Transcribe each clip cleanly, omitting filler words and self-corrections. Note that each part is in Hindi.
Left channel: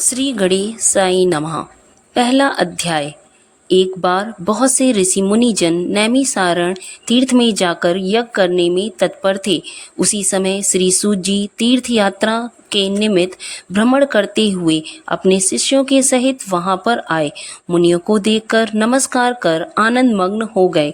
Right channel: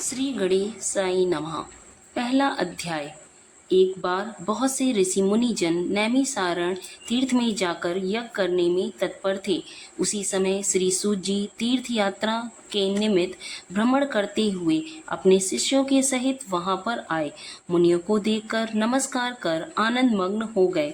श्री गणेश साई नमः। पहला अध्याय। एक बार बहुत से ऋषि मुनिजन नैमिसारण तीर्थ में जाकर यज्ञ करने में तत्पर थे। उसी समय श्री सूत जी तीर्थ यात्रा के निमित्त भ्रमण करते हुए अपने शिष्यों के सहित वहां पर आए। मुनियों को देखकर नमस्कार कर आनंद मग्न हो गए।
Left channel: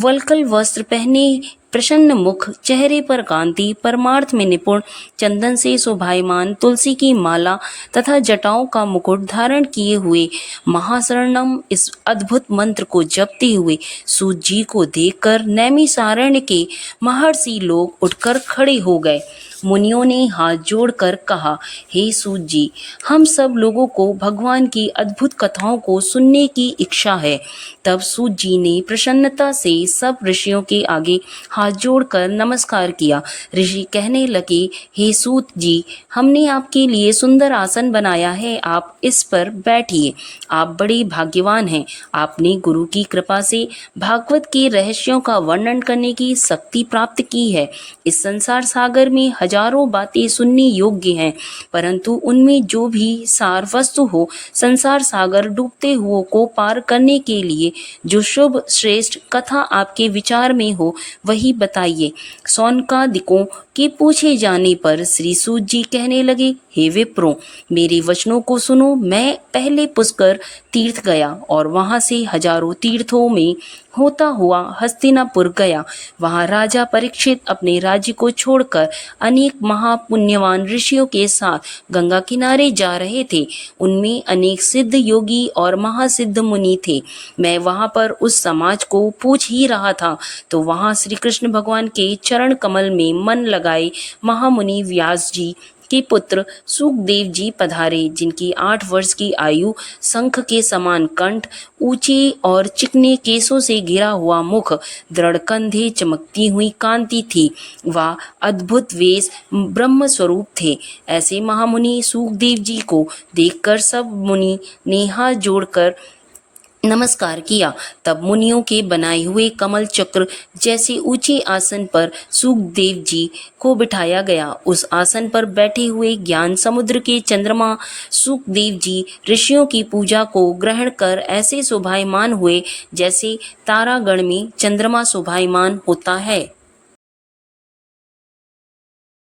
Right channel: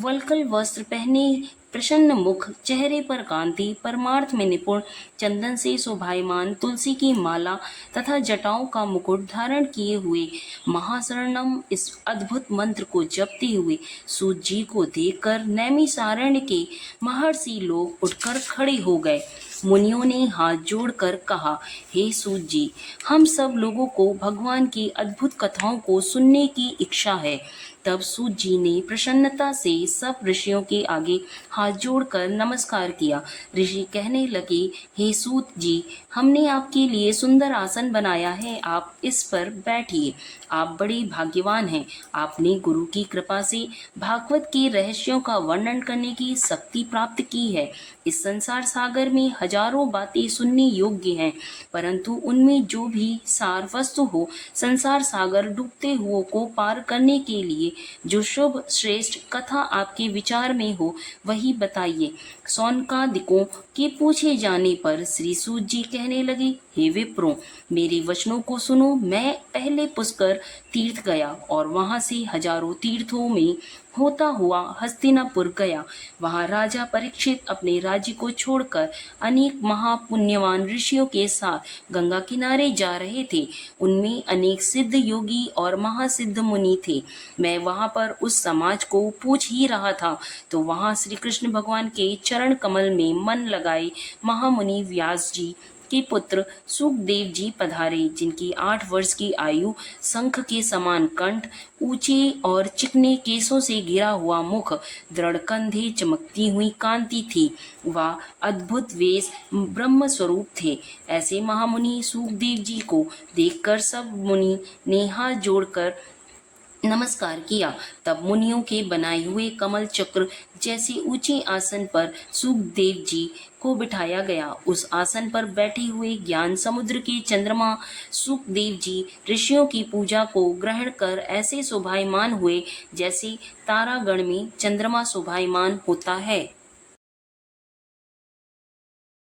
वल्कल वस्त्र पहने, प्रसन्न मुख, चेहरे पर कांति, परमार्थ में निपुण, चंदन से शोभायमान, तुलसी की माला तथा जटाओं का मुकुट धारण किए हुए महाशरणम इस अद्भुत मंत्र को जपते हुए सूत जी को देखकर नैमिसारण्य के महर्षि लोग उठकर खड़े हो गए। मुनियों ने हाथ जोड़कर कहा, हे सूत जी, हम सब लोगों को भगवान की अद्भुत कथाओं को सुनने की इच्छा है। तब सूत जी ने प्रसन्नता से सब ऋषियों के आगे हाथ जोड़कर नमस्कार किया। ऋषि कहने लगे, हे सूत जी, हमने आपके लिए सुंदर आसन बनाया है, आप इस पर बैठिए। आप बड़े भाग्यवान हैं। आपने गुरु की कृपा से भागवत के रहस्यों का वर्णन करने की शक्ति प्राप्त की है। इस संसार सागर में हजारों बातें सुनने योग्य हैं, परंतु उनमें जो भी सार वस्तु हो, संसार सागर डूबते हुओं को पार करने के लिए जो शुभ श्रेष्ठ कथा आपके विचार में हो, वही बताइए। सौनकादिकों के पूछे जाने पर श्री सूत जी कहने लगे, हे विप्रों, मेरे वचनों को सुनो। मैं पहले पुष्कर तीर्थ गया और वहां से हजारों तीर्थों में होता हुआ हस्तिनापुर गया। वहां राजा परीक्षित अपने राज्य को छोड़कर अनेक महापुण्यवान ऋषियों के साथ गंगा किनारे जा रहे थे। उनमें अनेक सिद्ध योगी और महासिद्ध मुनि थे। मैं वहां पर उस समाज को पूछ ही रहा था तो वहां श्री कृष्ण भगवान के चरण कमल में मन लगाए महामुनि व्यास जी के पुत्र सुखदेव जी पधारे, जिनकी 8 वर्ष की आयु, शंख के समान कंठ, ऊंचे और चिकने केसों से घिरा हुआ मुख, दृढ़ कंधे, चमकती हुई कांति थी। वह अद्भुत वेश ब्रह्म स्वरूप थे। ऐसे महामुनि सुखदेव जी को देखकर सब मुनि ने हाथ जोड़कर नमस्कार किया। तब मुनियों के बनाए हुए कमल चक्र जैसे ऊंचे आसन पर सुखदेव जी को बिठाया गया। उस आसन पर बैठे हुए ज्ञान समुद्र के चंद्रमा सुखदेव जी ऋषियों की पूजा को ग्रहण कर ऐसे शोभायमान हुए जैसे तारागण में चंद्रमा शोभायमान होता है।